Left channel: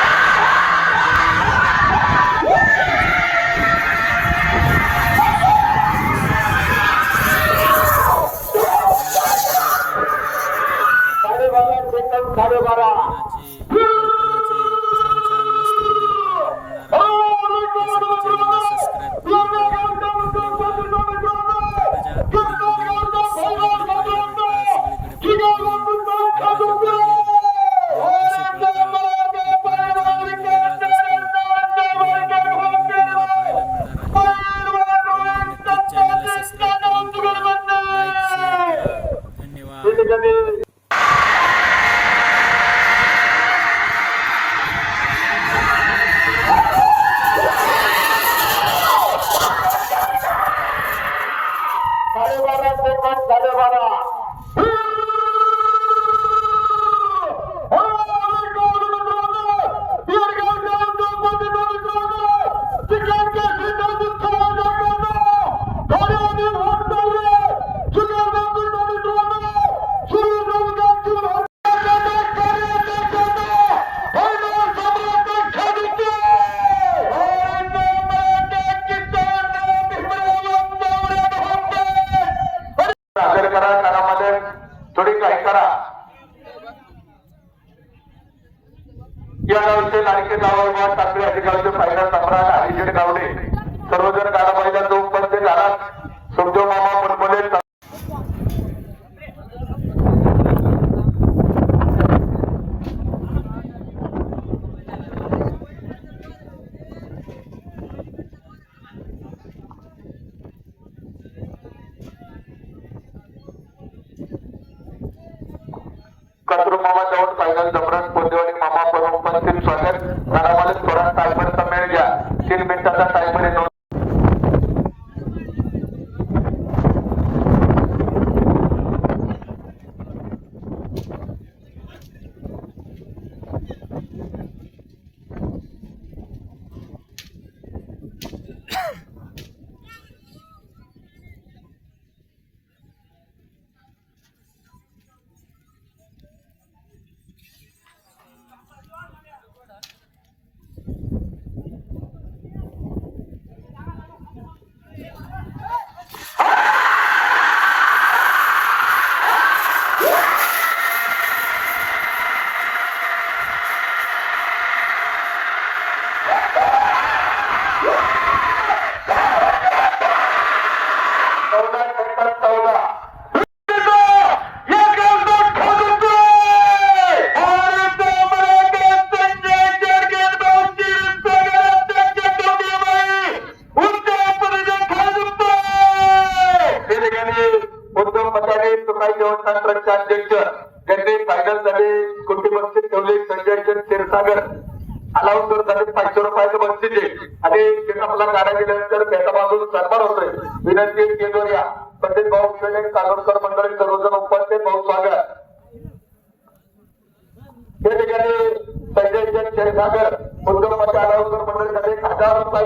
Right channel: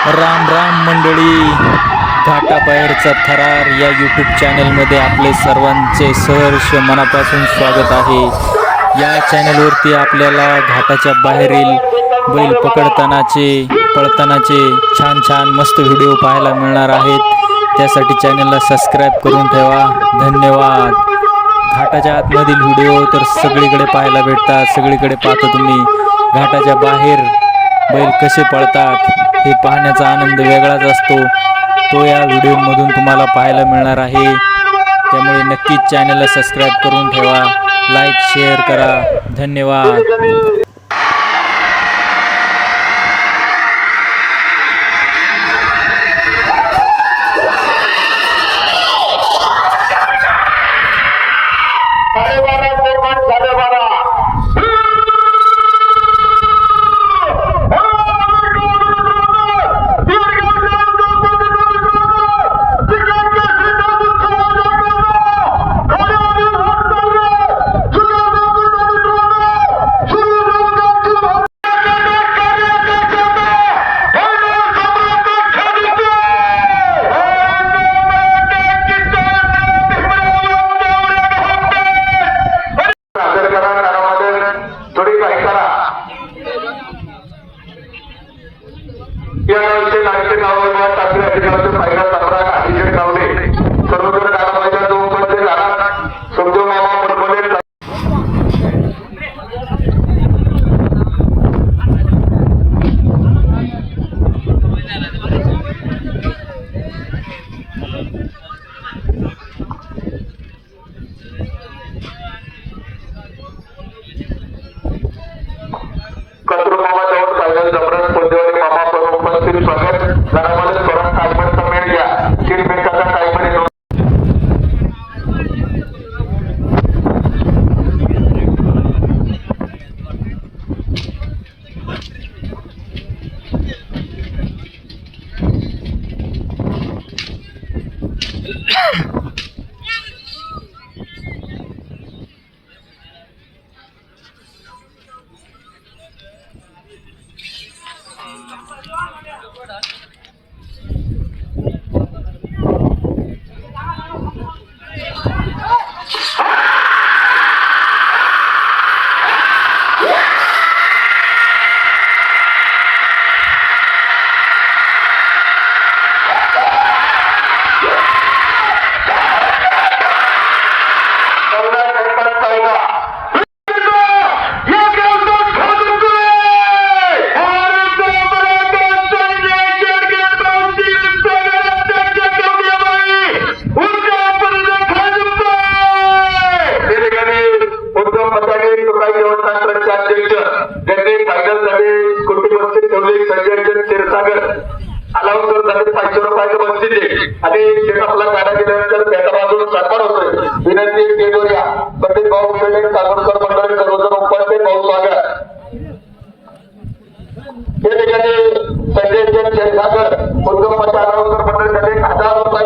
राम राम मंडळी, घाटाबाहेरचा थरार या यूट्यूब चॅनलमध्ये आपले सर्वांचे सहर्ष मनापासून स्वागत आहे। या चॅनलवरती आपल्याला घाटाच्या बाहेरील बैल पकडतानाचे पळतानाचे छान छान मस्त व्हिडिओ पाहायला मिळणार आहेत। त्यासाठी चॅनलला सबस्क्राईब करून ठेवा। धन्यवाद। घाटाच्या आतमधील व्हिडिओ तर सगळीकडे पाहायला भेटतात, सगळीकडे पाहता तुम्ही। घाटाच्या बाहेर बैल कसे पळतात हे पाहण्याचा आनंद वेगळाच असतो, तो या व्हिडिओमधून तुम्हाला पाहायला मिळणार आहे। त्यामुळे नक्कीच चॅनलला सबस्क्राईब करून ठेवा, लाईक शेअर करा। धन्यवाद। थोडी काय करा या गावचे नागरिक नावावर टाकले अधिकाराचे फायदा सम्राट अभिषेक गावडे सर्वजण काराबाईच्या दोन पंचे जाणार समजो मामा मुलमुले मामा जवळ फायनल जबरदस्त पोंदेवाडी मामा पण उपस्थित स्वागत घरामध्ये स्वरात टायमंडचा मेळ घ्या 3 मिनिटाचा टायमंड येतो। आपला गाडा गेल्यानंतर त्याच्या बाजूला सन्मान होतोय। विनंती केंद्रीय पंडित भाऊ कागोडकर मंडळ करोजर उपाध्याय भाऊ स्वागत या ठिकाणी संजय क्षीरसागर उद्योग मंडळ 1000 रुपये